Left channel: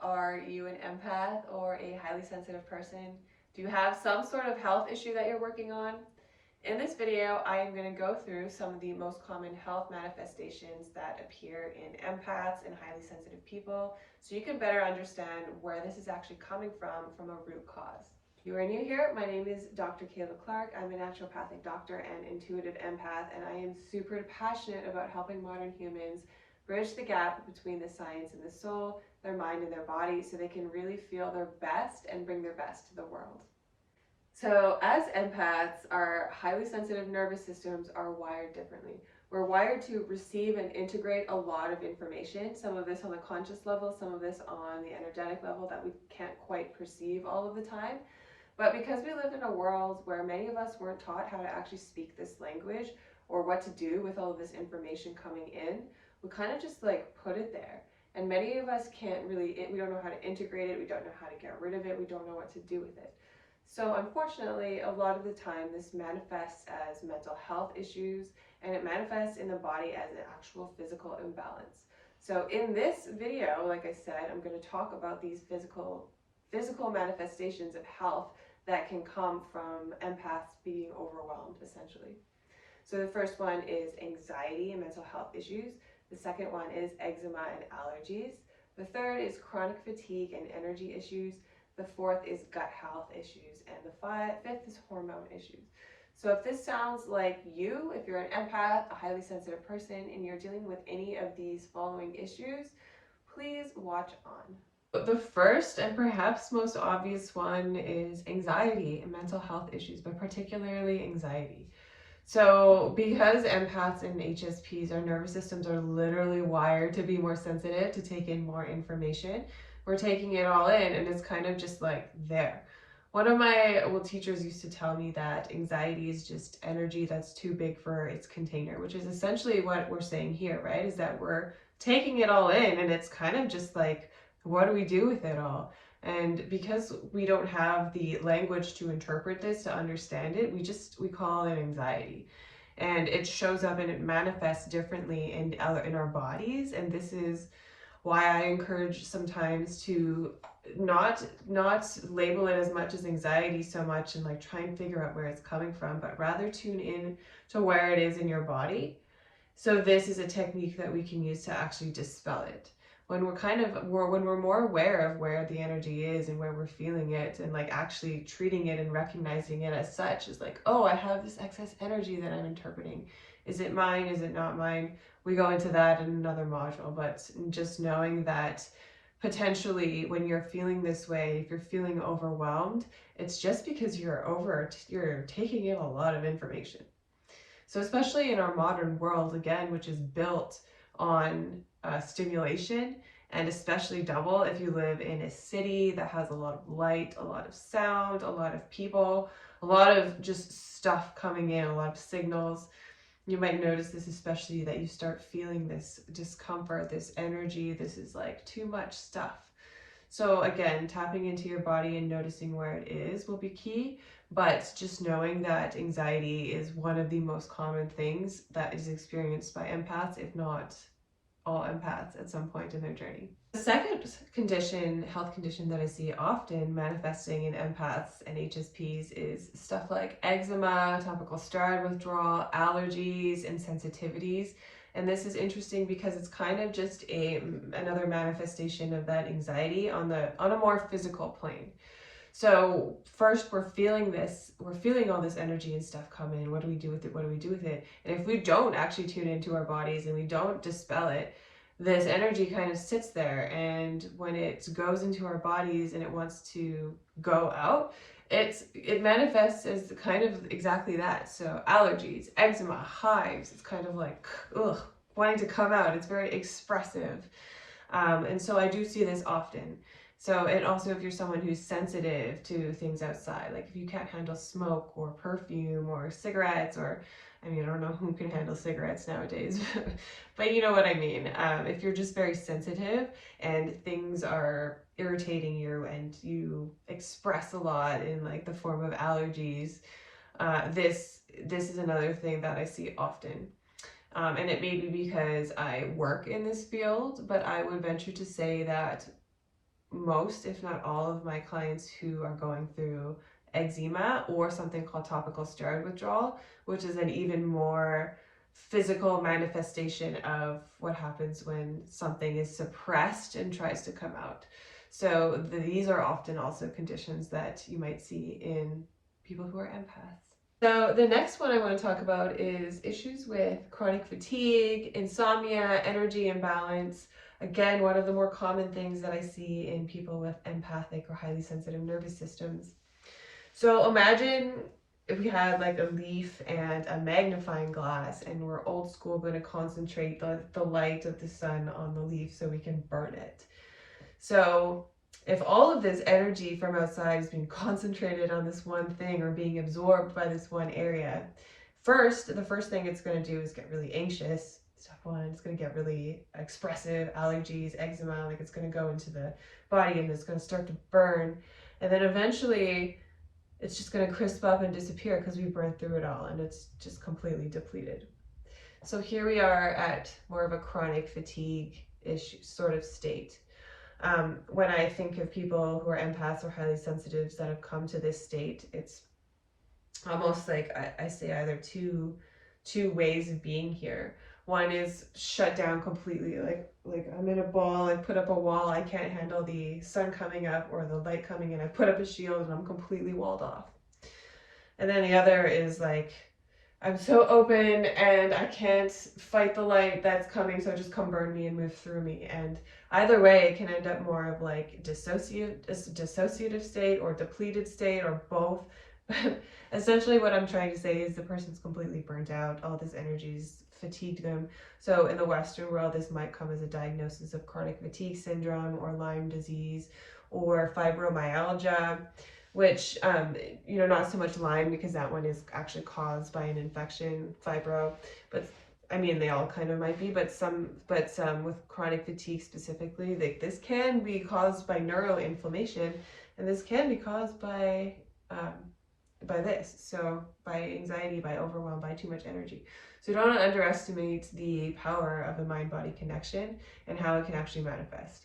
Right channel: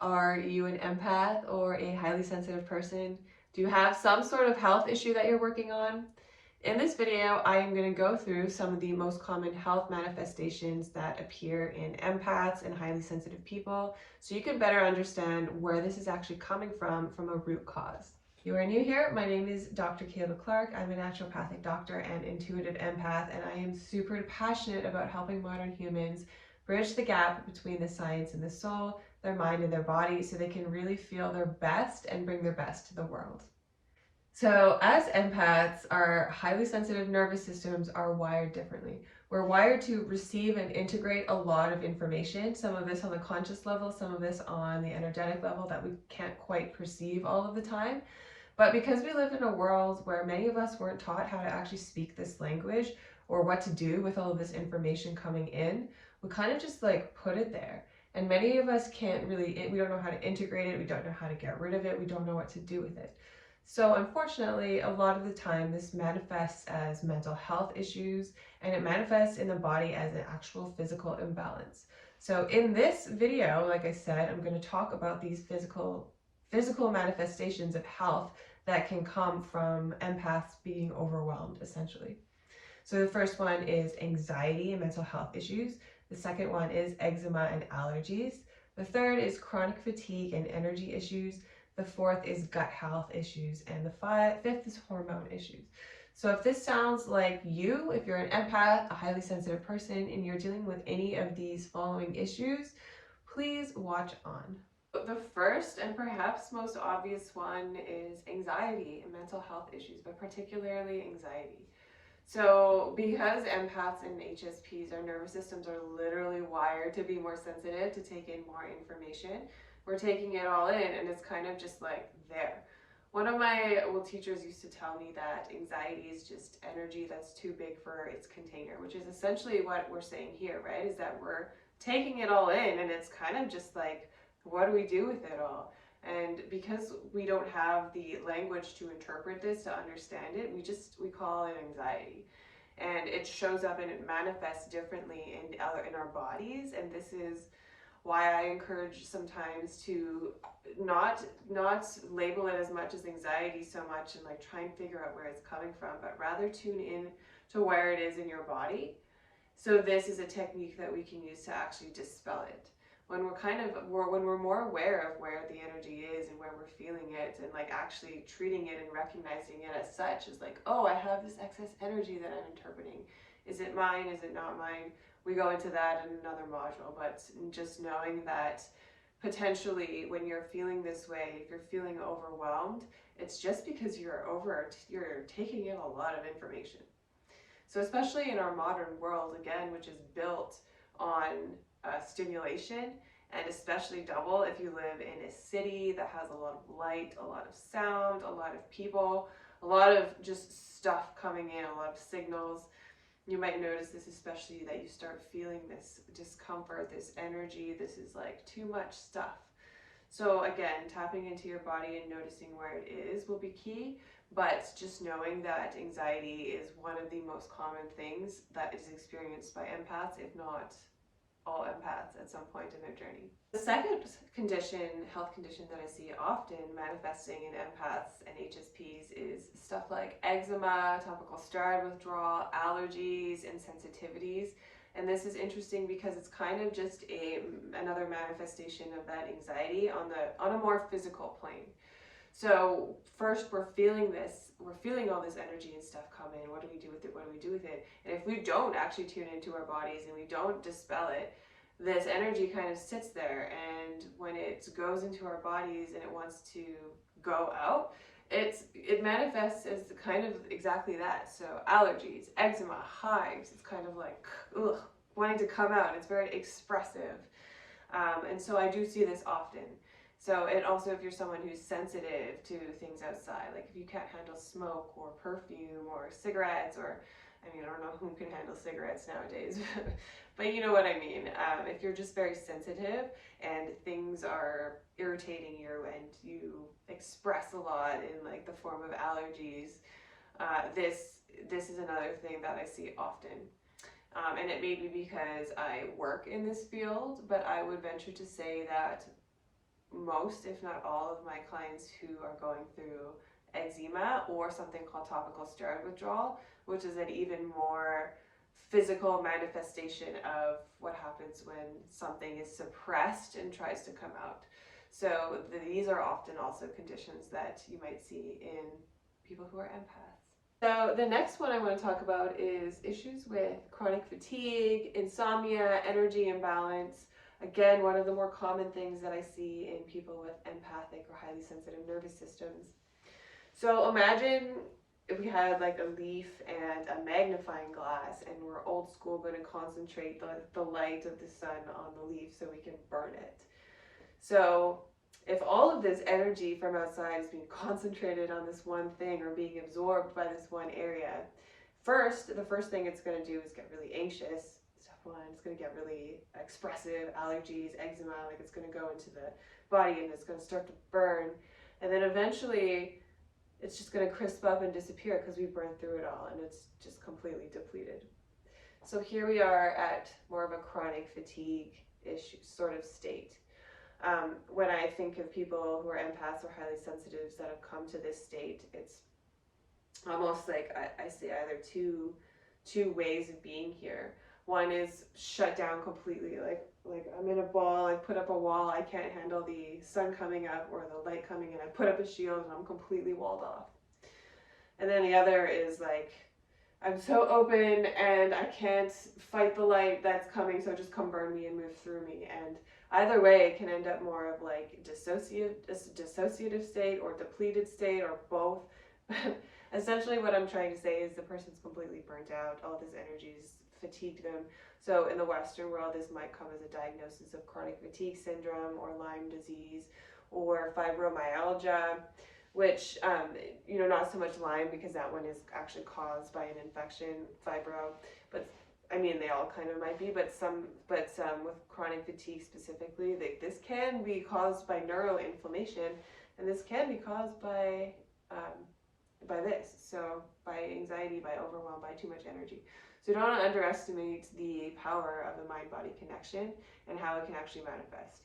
Are you an empath or a highly sensitive person? Do you have some sort of health issue that you're working on? In this video, I am going to go through some of the most common health manifestations that appear in empaths and highly sensitive people, so you can better understand where this is actually coming from a root cause. If you are new here, my name is Dr. Kayla Clark. I'm a naturopathic doctor and intuitive empath, and I am super passionate about helping modern humans bridge the gap between the science and the soul, their mind and their body, so they can really feel their best and bring their best to the world. So as empaths, our highly sensitive nervous systems are wired differently. We're wired to receive and integrate a lot of information, some of this on the conscious level, some of this on the energetic level that we can't quite perceive all of the time. But because we live in a world where many of us weren't taught how to actually speak this language or what to do with all of this information coming in, we kind of just like put it there. And many of us can't really, we don't know how to integrate it, we don't know how to get rid of it, we don't know what to do with it. So unfortunately, a lot of the time this manifests as mental health issues, and it manifests in the body as an actual physical imbalance. So in this video, like I said, I'm going to talk about these physical manifestations of health that can come from empaths being overwhelmed, essentially. So the first one is anxiety and mental health issues. The second one is eczema and allergies. The third is chronic fatigue and energy issues. The fourth is gut health issues. And the fifth is hormone issues. So if this sounds like you, if you're an empath, a highly sensitive person, and you're dealing with any of these following issues, please watch on. The first and perhaps most obvious one is anxiety and mental health issues, but particularly anxiety. So because empaths and HSPs, our nervous systems are literally wired to be more sensitive, to take in more information, we're taking it all in and it's kind of just like there. One of my teachers used to tell me that anxiety is just energy that's too big for its container, which is essentially what we're saying here, right? Is that we're taking it all in and it's kind of just like, what do we do with it all? And because we don't have the language to interpret this, to understand it, we call it anxiety. And it shows up and it manifests differently in our bodies. And this is why I encourage sometimes to not label it as much as anxiety so much and like try and figure out where it's coming from, but rather tune in to where it is in your body. So this is a technique that we can use to actually dispel it. When we're more aware of where the energy is and where we're feeling it, and like actually treating it and recognizing it as such, as like, oh, I have this excess energy that I'm interpreting. Is it mine? Is it not mine? We go into that in another module, but just knowing that potentially when you're feeling this way, if you're feeling overwhelmed, it's just because you're taking in a lot of information. So especially in our modern world, again, which is built on stimulation, and especially double if you live in a city that has a lot of light, a lot of sound, a lot of people, a lot of just stuff coming in, a lot of signals. You might notice this, especially that you start feeling this discomfort, this energy, this is like too much stuff. So again, tapping into your body and noticing where it is will be key, but just knowing that anxiety is one of the most common things that is experienced by empaths, if not all empaths at some point in their journey. The second health condition that I see often manifesting in empaths and HSPs is stuff like eczema, topical steroid withdrawal, allergies, and sensitivities. And this is interesting because it's kind of just another manifestation of that anxiety on a more physical plane. So first we're feeling all this energy and stuff come in. What do we do with it? What do we do with it? And if we don't actually tune into our bodies and we don't dispel it, this energy kind of sits there, and when it goes into our bodies and it wants to go out, it manifests as kind of exactly that. So allergies, eczema, hives, it's kind of like wanting to come out. It's very expressive. And so I do see this often. So, and also if you're someone who's sensitive to things outside, like if you can't handle smoke or perfume or cigarettes, or I mean, I don't know who can handle cigarettes nowadays, but you know what I mean. If you're just very sensitive and things are irritating you and you express a lot in like the form of allergies, this is another thing that I see often. And it may be because I work in this field, but I would venture to say that most, if not all, of my clients who are going through eczema or something called topical steroid withdrawal, which is an even more physical manifestation of what happens when something is suppressed and tries to come out. So these are often also conditions that you might see in people who are empaths. So the next one I want to talk about is issues with chronic fatigue, insomnia, energy imbalance. Again, one of the more common things that I see in people with empathic or highly sensitive nervous systems. So imagine if we had like a leaf and a magnifying glass, and we're old school going to concentrate the light of the sun on the leaf so we can burn it. So if all of this energy from outside is being concentrated on this one thing or being absorbed by this one area, the first thing it's going to do is get really anxious. Step one, it's going to get really expressive, allergies, eczema, like it's going to go into the body and it's going to start to burn. And then eventually it's just going to crisp up and disappear because we burned through it all and it's just completely depleted. So here we are at more of a chronic fatigue issue sort of state. When I think of people who are empaths or highly sensitives that have come to this state, it's almost like I say either two ways of being here. One is shut down completely, like I'm in a ball, I put up a wall, I can't handle the sun coming up or the light coming in, I put up a shield and I'm completely walled off. And then the other is like, I'm so open and I can't fight the light that's coming, so just come burn me and move through me. And either way, it can end up more of like dissociative state or depleted state or both. But essentially what I'm trying to say is the person's completely burnt out. All this energy's fatigued them. So in the Western world, this might come as a diagnosis of chronic fatigue syndrome or Lyme disease or fibromyalgia, which, not so much Lyme because that one is actually caused by an infection, fibro, but I mean, they all kind of might be, but some with chronic fatigue specifically, like this can be caused by neuroinflammation, and this can be caused by this, so by anxiety, by overwhelm, by too much energy. So don't underestimate the power of the mind-body connection and how it can actually manifest.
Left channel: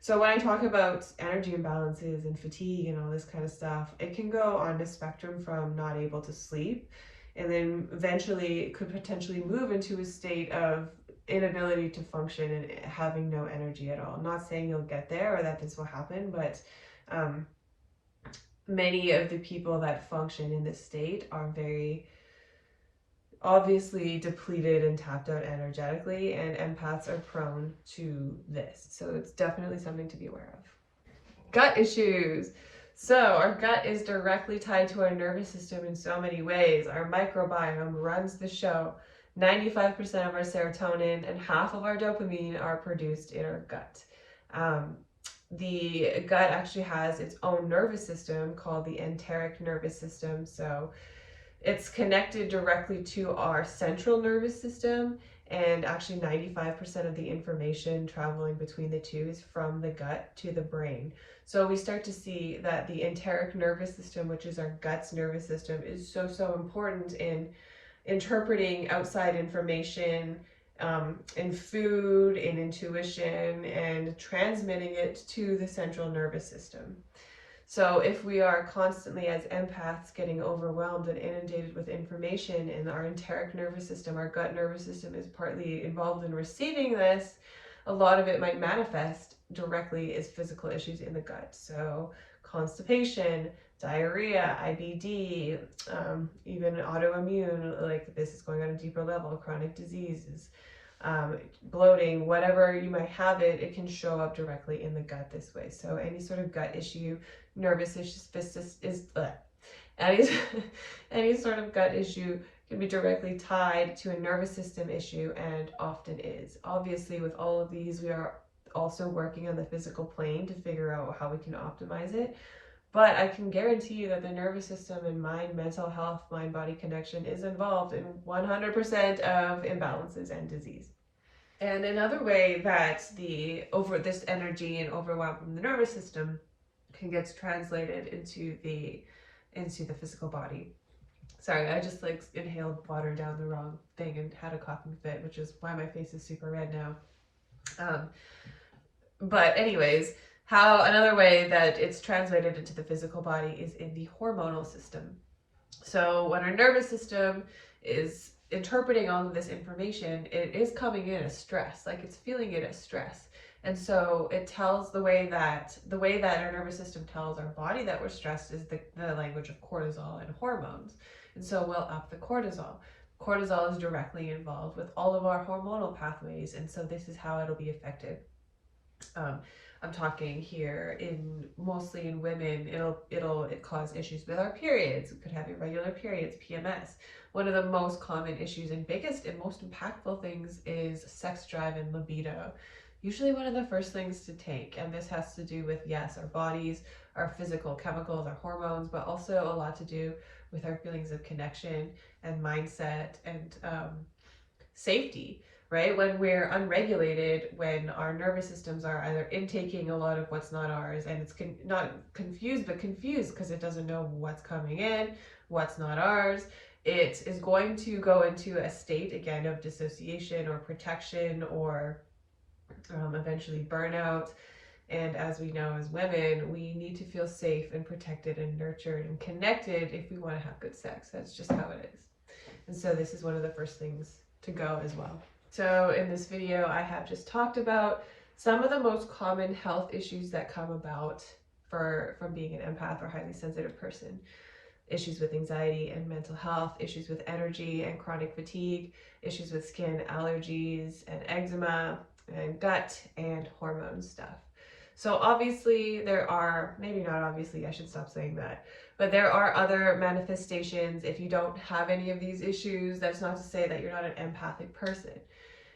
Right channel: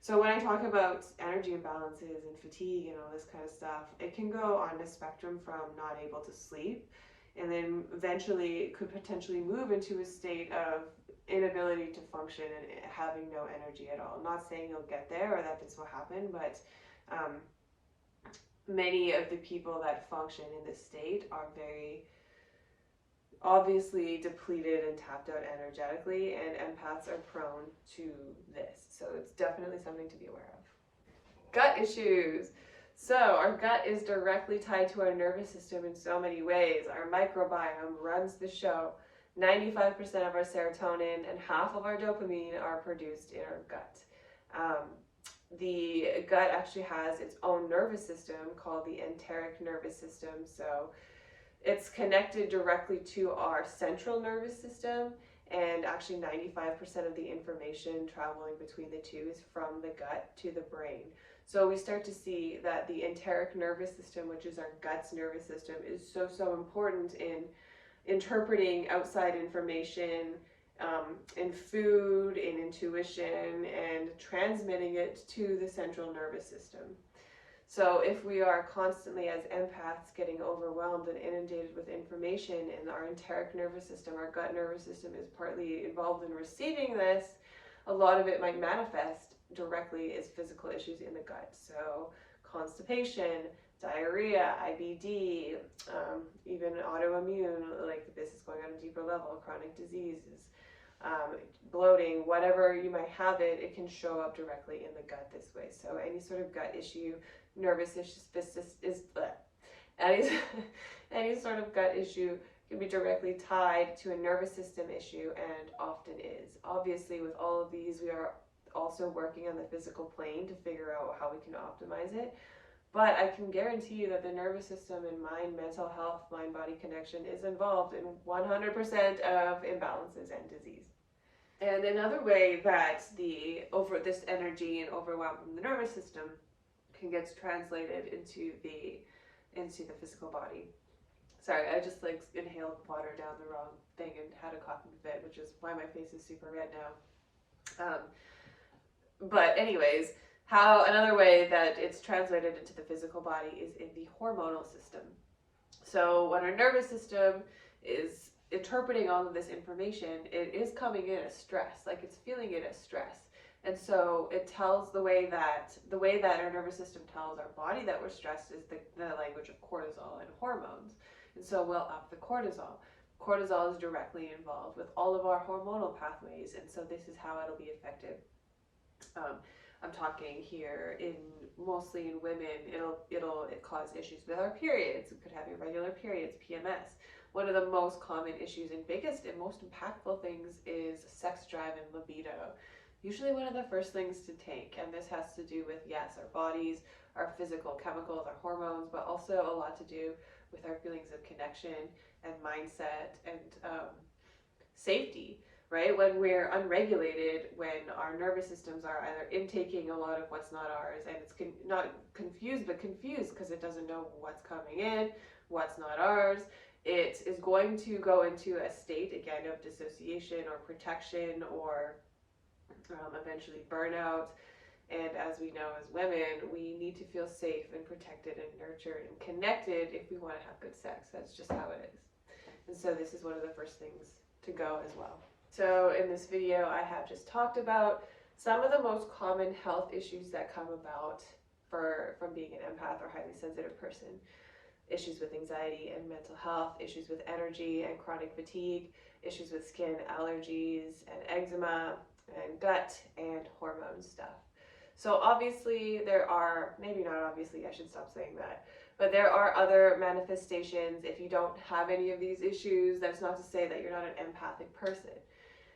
So when I talk about energy imbalances and fatigue and all this kind of stuff, it can go on the spectrum from not able to sleep, and then eventually it could potentially move into a state of inability to function and having no energy at all. I'm not saying you'll get there or that this will happen, but many of the people that function in this state are very obviously depleted and tapped out energetically, and empaths are prone to this. So it's definitely something to be aware of. Gut issues. So our gut is directly tied to our nervous system in so many ways. Our microbiome runs the show. 95% of our serotonin and half of our dopamine are produced in our gut. The gut actually has its own nervous system called the enteric nervous system. So it's connected directly to our central nervous system, and actually 95% of the information traveling between the two is from the gut to the brain. So we start to see that the enteric nervous system, which is our gut's nervous system, is so important in interpreting outside information, in food, in intuition, and transmitting it to the central nervous system. So if we are constantly as empaths getting overwhelmed and inundated with information, and our enteric nervous system, our gut nervous system, is partly involved in receiving this, a lot of it might manifest directly as physical issues in the gut. So constipation, diarrhea, IBD, even autoimmune, like this is going on a deeper level, chronic diseases, bloating, whatever you might have it can show up directly in the gut this way. So any sort of gut issue, nervous issues, any sort of gut issue can be directly tied to a nervous system issue, and often is. Obviously, with all of these, we are also working on the physical plane to figure out how we can optimize it. But I can guarantee you that the nervous system and mind, mental health, mind-body connection is involved in 100% of imbalances and disease. And another way that this energy and overwhelm from the nervous system can get translated into the physical body. Sorry, I just inhaled water down the wrong thing and had a coughing fit, which is why my face is super red now. But anyways, Another way that it's translated into the physical body is in the hormonal system. So when our nervous system is interpreting all of this information, it is coming in as stress, like it's feeling it as stress. And so it tells the way that our nervous system tells our body that we're stressed is the language of cortisol and hormones. And so we'll up the cortisol. Cortisol is directly involved with all of our hormonal pathways, and so this is how it'll be affected. I'm talking here mostly in women. It'll cause issues with our periods. We could have irregular periods, PMS. One of the most common issues and biggest and most impactful things is sex drive and libido. Usually one of the first things to take, and this has to do with, yes, our bodies, our physical chemicals, our hormones, but also a lot to do with our feelings of connection and mindset and safety. Right? When we're unregulated, when our nervous systems are either intaking a lot of what's not ours, and it's not confused, but confused because it doesn't know what's coming in, what's not ours, it is going to go into a state, again, of dissociation or protection or eventually burnout. And as we know as women, we need to feel safe and protected and nurtured and connected if we want to have good sex. That's just how it is. And so this is one of the first things to go as well. So in this video, I have just talked about some of the most common health issues that come about from being an empath or highly sensitive person. Issues with anxiety and mental health, issues with energy and chronic fatigue, issues with skin allergies and eczema and gut and hormone stuff. So obviously there are, maybe not obviously, I should stop saying that, but there are other manifestations. If you don't have any of these issues, that's not to say that you're not an empathic person.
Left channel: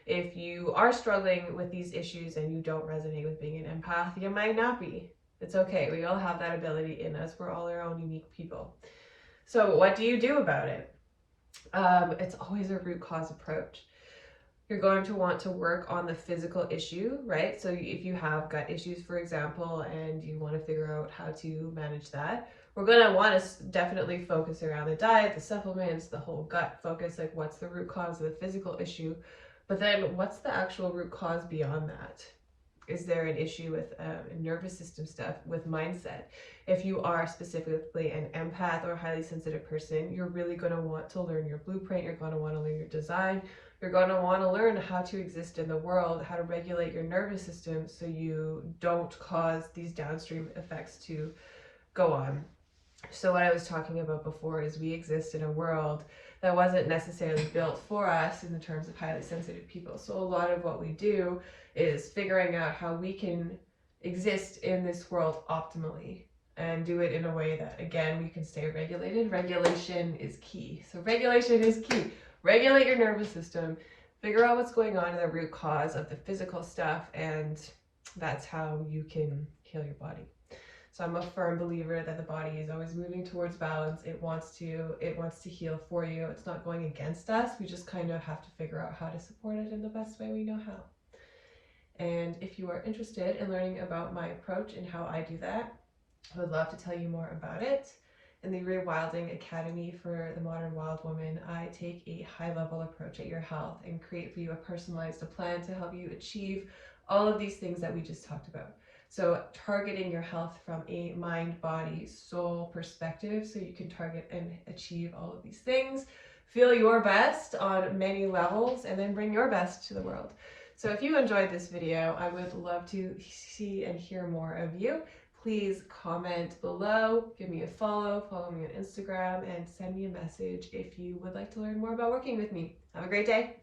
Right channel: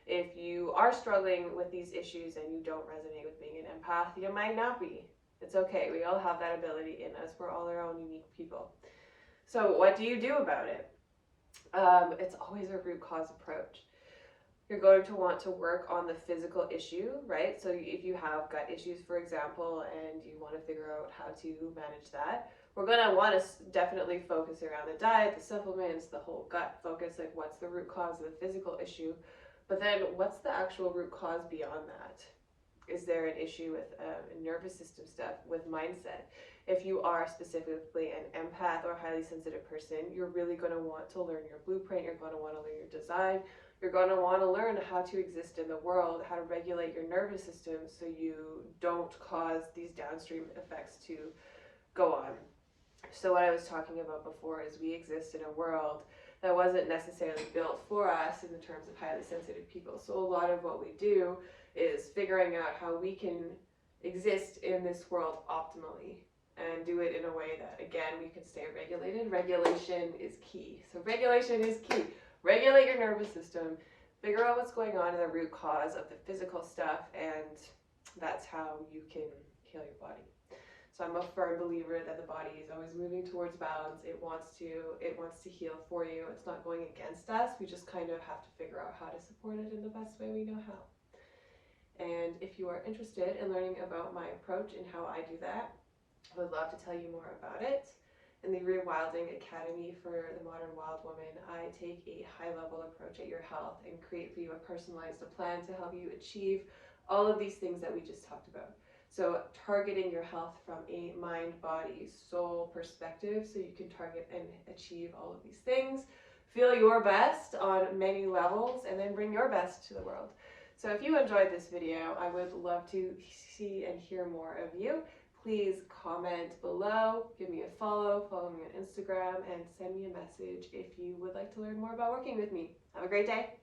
If you are struggling with these issues and you don't resonate with being an empath, you might not be. It's okay. We all have that ability in us. We're all our own unique people. So what do you do about it? It's always a root cause approach. You're going to want to work on the physical issue, right? So if you have gut issues, for example, and you want to figure out how to manage that, we're going to want to definitely focus around the diet, the supplements, the whole gut focus, like what's the root cause of the physical issue. But then what's the actual root cause beyond that? Is there an issue with nervous system stuff, with mindset? If you are specifically an empath or a highly sensitive person, you're really going to want to learn your blueprint. You're going to want to learn your design. You're going to want to learn how to exist in the world, how to regulate your nervous system so you don't cause these downstream effects to go on. So what I was talking about before is we exist in a world that wasn't necessarily built for us in the terms of highly sensitive people. So a lot of what we do is figuring out how we can exist in this world optimally and do it in a way that, again, we can stay regulated. Regulation is key. So regulation is key. Regulate your nervous system, figure out what's going on in the root cause of the physical stuff, and that's how you can heal your body. So I'm a firm believer that the body is always moving towards balance. It wants to heal for you. It's not going against us. We just kind of have to figure out how to support it in the best way we know how. And if you are interested in learning about my approach and how I do that, I would love to tell you more about it. In the ReWilding Academy for the Modern Wild Woman, I take a high-level approach at your health and create for you a personalized plan to help you achieve all of these things that we just talked about. So targeting your health from a mind, body, soul perspective so you can target and achieve all of these things, feel your best on many levels, and then bring your best to the world. So if you enjoyed this video, I would love to see and hear more of you. Please comment below, give me a follow me on Instagram, and send me a message if you would like to learn more about working with me. Have a great day.